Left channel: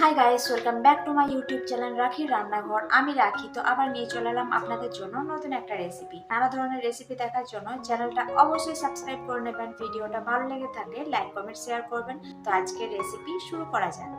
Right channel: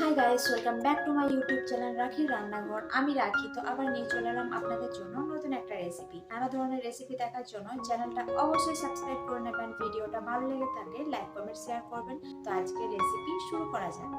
Hi guys, welcome back to my YouTube channel রাখি রান্নাঘর। আমি রাখি তো আবার নিয়ে চলে এলাম আপনাদের জন্য নতুন একটা রেসিপি। নানা ধরনের রেসিপি দেখার জন্য চ্যানেলটা অবশ্যই সাবস্ক্রাইব করে নেবেন। ভিডিওটা ভালো লেগে থাকলে লাইক কমেন্ট শেয়ার করবেন। তো আজকের রেসিপি শুরু করা যাক।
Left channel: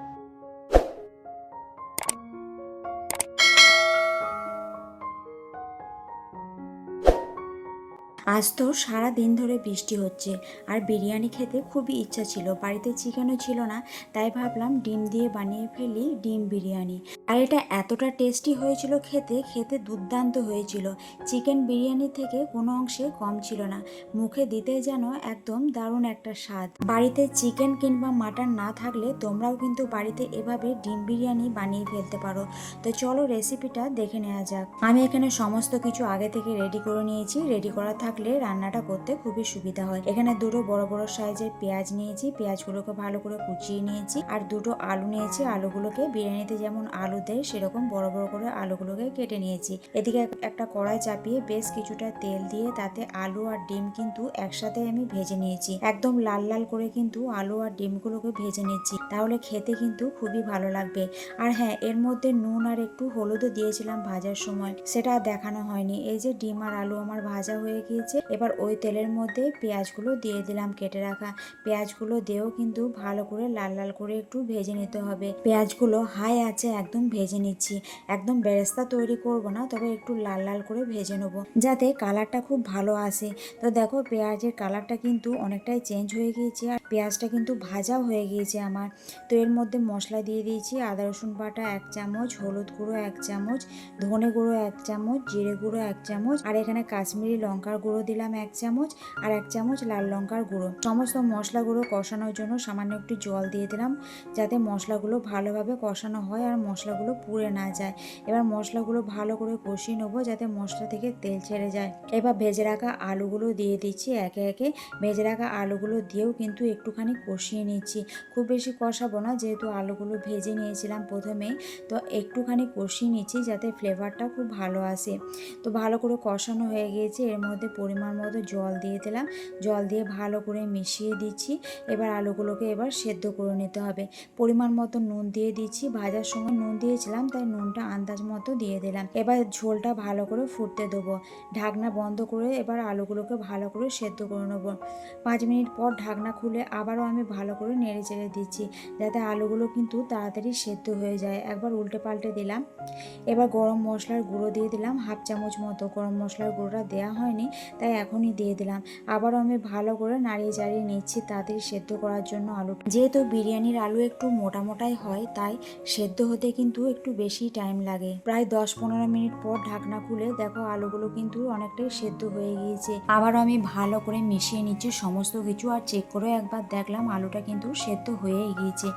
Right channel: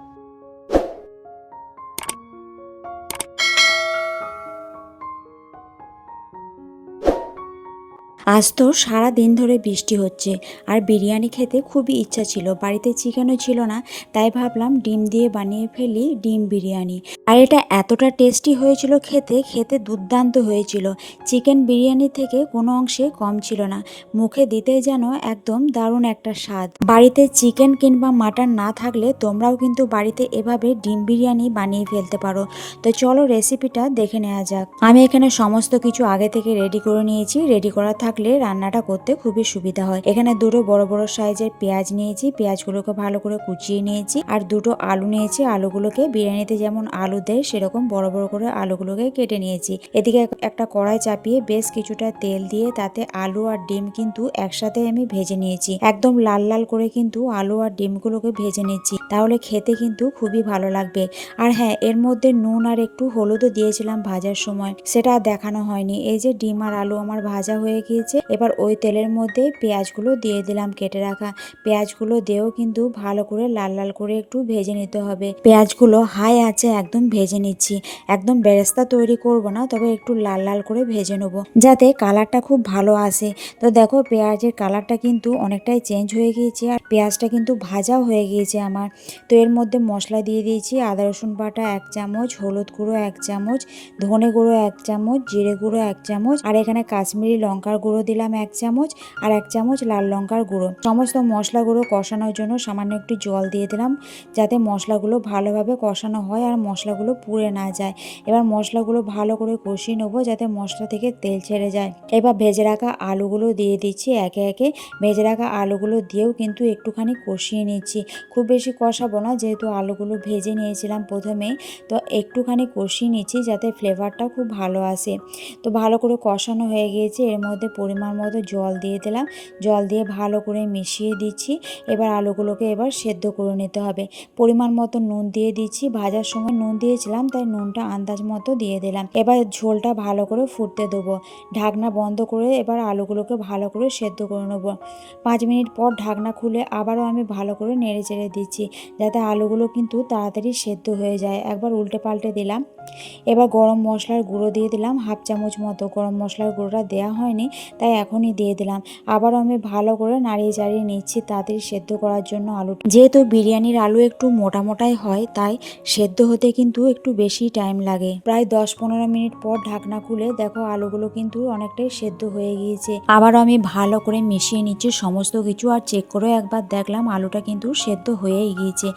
আজ তো সারা দিন ধরে বৃষ্টি হচ্ছে আর বিরিয়ানি খেতে খুবই ইচ্ছা ছিল। বাড়িতে চিকেনও ছিল না, তাই ভাবলাম ডিম দিয়ে বানিয়ে ফেলি ডিম বিরিয়ানি। আর এটা এতটা টেস্টি হয়েছিল, খেতে খেতে দুর্দান্ত হয়েছিল। চিকেন বিরিয়ানি থেকে কোনো অংশে কম ছিল না, মুখে দিতে যেন একদম দারুণ একটা স্বাদ। বাড়িতে চিকেন কিংবা মাটন না থাকলে তোমরাও কিন্তু বাড়িতে এভাবে ডিম বিরিয়ানি বানিয়ে ফেলতে পারো। তো চলো রেসিপিটা দেখে নেওয়া যাক। আমি এখানে সমস্ত কিছু আগে থেকে রেডি করে নিয়েছি। রেডি করা থাকলে রান্নাটা করতে খুবই সুবিধা হয়। এখানে দুটো বড় বড় সাইজের পেঁয়াজ নিয়েছি, পেঁয়াজগুলোকে ভালো করে কুচিয়ে নিয়েছি। আর দুটো আলু নিয়েছি, আলুগুলোকে বিরিয়ানিতে যেমন আলু দেয় সেরকম বড় বড় করে আলুগুলোকে কেটে নিয়েছি। এদিকে একটা কড়াই চাপিয়ে বেশ কিছুটা তেল দিয়ে তাতে আলু আর ডিম কিন্তু একসাথে আমি ভেজে নিয়েছি। একদম লাল লাল করে কিন্তু আলু আর ডিমগুলোকে ভেজে নিচ্ছি, তাহলে খেতে কিন্তু খুবই ভালো লাগবে। আর হ্যাঁ, এর মধ্যে নুন আর একটু হলুদও দিয়েছিলাম ভাজার সময়, সেটা আর দেখানো হয়নি। এই যে ডিম আর আলু আমার ভাজা হয়ে গিয়েছে, এবার ওই তেলের মধ্যে পেঁয়াজগুলো দিয়ে দিলাম, কেটে রাখা পেঁয়াজগুলো দিয়েও কিন্তু ভালো করে লাল লাল করে একটু ভেজে নিতে হবে। পেঁয়াজগুলো হাই আছে একদম ভেজে নিচ্ছি। একদম বেরেস্তা তৈরি করব না, তবে একটু লাল লাল করে ভেজে নেব যাতে কালারটা খুব ভালো আসে। তো দেখো পেঁয়াজের কালারটা কিন্তু অনেকটাই চেঞ্জ হয়ে গিয়েছে আর পেঁয়াজটা কিন্তু ভাজাও হয়ে গিয়েছে আমার। তো এর মধ্যে মশলা দিয়ে দিয়েছি, আদা রসুন বাটা 1 চামচ, হলুদ গুঁড়ো 1 চামচ, ধনে গুঁড়ো 1 চামচ, জিরে গুঁড়ো 1 চামচ, আর এখানে কাশ্মীরি লঙ্কার গুঁড়ো দিলাম 1 চামচ, আর 1 চামচ লাল লঙ্কার গুঁড়ো। সমস্ত মশলাগুলো কষানোর জন্য সামান্য একটু জল দিয়ে দিলাম, যাতে মশলাগুলো ভালোভাবে কষানো হয় আর মশলাগুলো পুড়ে না যায়। এবার মশলাগুলো ভালো করে কষিয়ে নেবো যাতে মশলা থেকে তেল ছেড়ে যায়। এবার ভেজে রাখা আলুগুলো দিয়ে দিচ্ছি একে একে। ভেজে রাখা আলুগুলো দিয়েও কিন্তু একটুখানি কষিয়ে নিচ্ছি। খুব বেশি কষাবো না, যেহেতু আলুগুলো ভেজে নিয়েছিলাম প্রথমেই। তো একটুখানি কষিয়ে নিচ্ছি যাতে ফ্লেভারটা খুব ভালো আসে। তো ভালো করে কষানো হয়ে গিয়েছে, এর মধ্যে পরিমাণ মতো জল দিয়ে দিলাম। জল দিয়ে ভালো করে মিশিয়ে দিচ্ছি। এবার আলুগুলোকে এবার সেদ্ধ করে নিতে হবে। পরিমাণ মতো নুন দিয়ে দিচ্ছি, ভাজার সময় নুন দিয়েছিলাম তাই নুনটা আন্দাজ মতো দিয়ে দিলাম। এবার ঝোলটা ভালো করে ফুটতে দেবো। ঢাকনা বন্ধ করে এবার আলুগুলোকে ভালো করে সেদ্ধ করে নেবো। 5 মিনিট পর ঢাকনা খুলে আবারও আমি ভালো করে নেড়ে চেড়ে দিচ্ছি, যাতে আলুগুলো কিন্তু তাড়াতাড়ি সেদ্ধ হয়ে যায়। একবার উল্টে পাল্টে দিলাম। এবার গরম মশলার গুঁড়ো দিয়ে দিলাম 1/2 চামচ মতো। গরম মশলার গুঁড়োটা দেওয়া হয়নি, তাই এখনই দিয়ে দিলাম। আবারও আমি ভালো করে নাড়িয়ে চাড়িয়ে নিচ্ছি তাড়াতাড়ি সেদ্ধ করার জন্য আলু। যেহেতু বিরিয়ানির আলু একটু মোটা মোটাই হয়, তাই সেদ্ধ হতে কিন্তু একটু বেশি টাইম লাগে। প্রায় 10-15 মিনিট পর ঢাকনা খুলে দেখো আলুগুলো কিন্তু অনেকটাই সেদ্ধ হয়ে গিয়েছে। আবারও আমি ভালো করে মিশিয়ে নিচ্ছি সমস্ত কিছু, আর চেক করে একবার দেখলাম আলুটা কিন্তু সেদ্ধ হয়েই গিয়েছে।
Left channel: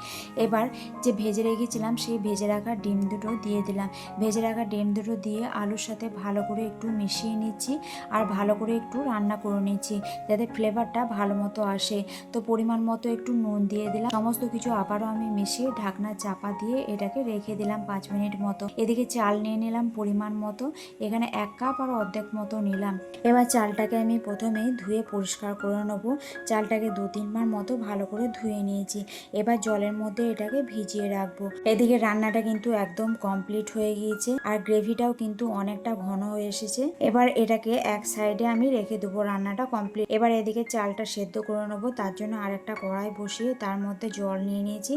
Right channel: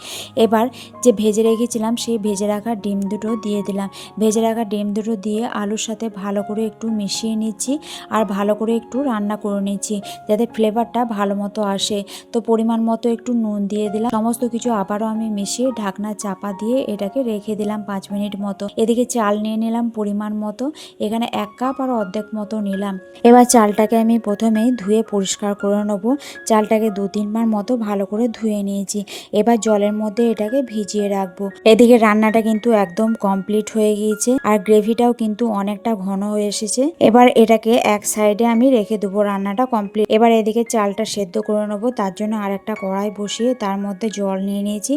এবার যে ভেজে রেখেছিলাম সেই ভেজে রাখা ডিম দুটো দিয়ে দিলাম। ভেজে রাখা ডিম দুটো দিয়ে আলুর সাথে ভালো করে একটু মিশিয়ে নিচ্ছি আর ভালো করে একটু রান্না করে নিচ্ছি যাতে ফ্লেভারটা ভালো মতো আসে। তো পরিমাণ মতো একটু নুন দিয়ে দিলাম। সমস্ত কিছু আবারও আমি মিশিয়ে ঢাকনা চাপা দিয়ে এটাকে রেখে দিলাম 5 মিনিট মতো। এদিকে চাল নিয়ে নিলাম পরিমাণ মতো, এখানে 1 কাপ আর অর্ধেক মতো নিলাম। এবার চালটাকে আমি প্রথমেই ধুয়ে পরিষ্কার করে নেবো। চালটাকে 2-3 বার মতো ভালো করে ধুয়ে নিয়েছি। এবার জলের মধ্যে এটাকে ভিজিয়ে রাখবো। এদিকে রান্নাটা কিন্তু একদম কমপ্লিট হয়ে গিয়েছে আর গ্রেভিটাও কিন্তু অনেকটা ঘন হয়ে এসেছে। এবার এটাকে এক সাইডে আমি রেখে দেবো, রান্নাটা কমপ্লিট। এবার এদিকে চালটা সেদ্ধ করে নেবো, তার জন্য আর একটা কড়াই বসিয়ে তার মধ্যে জল নিয়ে নিয়েছি।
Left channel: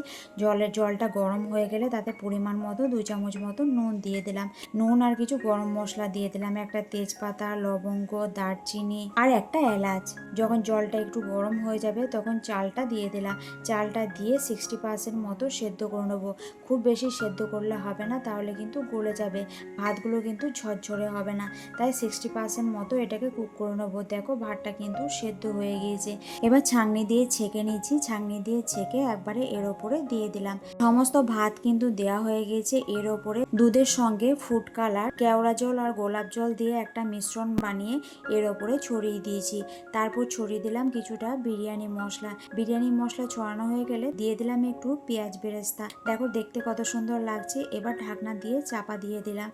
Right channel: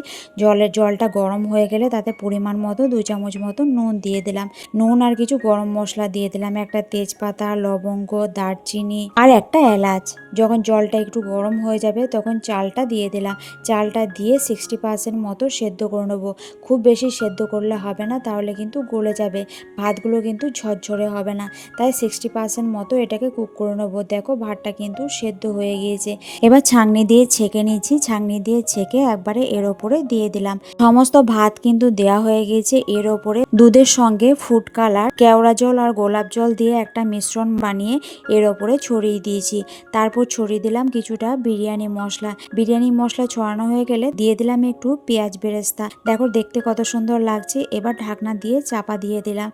জলটা গরম হয়ে গেলে তাতে পরিমাণ মতো 2 চামচ মতো নুন দিয়ে দিলাম। নুন আর কিছু গরম মশলা দিয়ে দিলাম, একটা তেজপাতা, লবঙ্গ, দারচিনি আর একটা এলাচ। যখন জলটা একটু গরম হয়ে যাবে তখন চালটা দিয়ে দিলাম। চালটা দিয়ে 60% মতো সেদ্ধ করে নেবো। খুব বেশি সেদ্ধ করলে হবে না, তাহলে কিন্তু গলে যাবে, ভাতগুলো কিন্তু ঝরঝরে হবে না। তাই 60% মতো এটাকে কুক করে নেবো। দেখো ভাতটা কিন্তু সেদ্ধ হয়ে গিয়েছে। এবার ছাঁকনি দিয়ে ছেঁকে নিচ্ছি। ছাঁকনি দিয়ে ছেঁকে একবারে এর ওপরে দিয়ে দিলাম। সমস্ত ভাত কিন্তু দেয়া হয়ে গিয়েছে। এর ওপরে দুধের সঙ্গে ফুড কালার, কেওড়া জল আর গোলাপ জল দিয়ে একটা মিশ্রণ বানিয়ে এর ওপরে ছড়িয়ে দিয়েছি। তারপর ছড়িয়ে দিলাম কিছুটা বিরিয়ানি মশলা। বিরিয়ানি মশলা ছড়ানো হয়ে গেলে দিয়ে দিলাম একটু পেঁয়াজ বেরেস্তা। দেখো দেখতে কত সুন্দর লাগছে। এবার ঢাকনা দিয়ে চাপা দিয়ে দিলাম।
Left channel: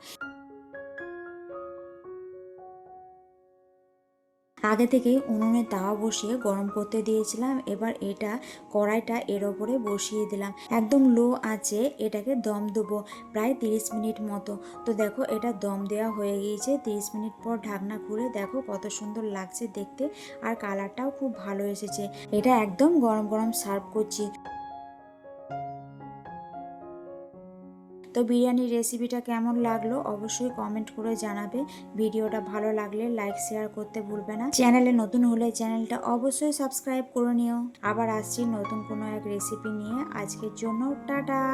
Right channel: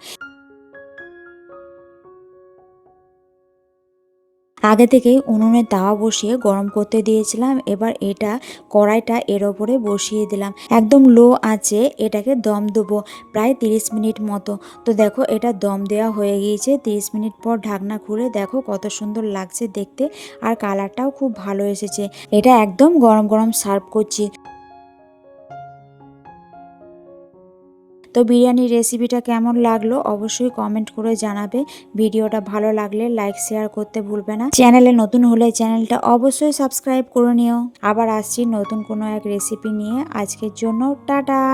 আগে থেকেই উনুনে তাওয়া বসিয়ে গরম করতে দিয়েছিলাম। এবার এটা কড়াইটা এর ওপরে বসিয়ে দিলাম। একদম লো আঁচে এটাকে দম দেবো প্রায় 30 মিনিট মতো। তো দেখো এটা দম দেওয়া হয়ে গিয়েছে। 30 মিনিট পর ঢাকনা খুলে দেখো কত সুন্দর লাগছে দেখতে, আর কালারটাও খুব ভালো এসেছে। এটা একদম গরম গরম সার্ভ করছি। তো বিরিয়ানির রেসিপিটা কেমন লাগলো অবশ্যই কমেন্ট করে জানাবে। ভিডিওটা ভালো লাগলে লাইক শেয়ার করতে ভুলবে না। চ্যানেলে নতুন হলে চ্যানেলটা অবশ্যই সাবস্ক্রাইব করে নিও। আবার আসছি নতুন কোনো এক রেসিপি নিয়ে। আজকের জন্য টাটা।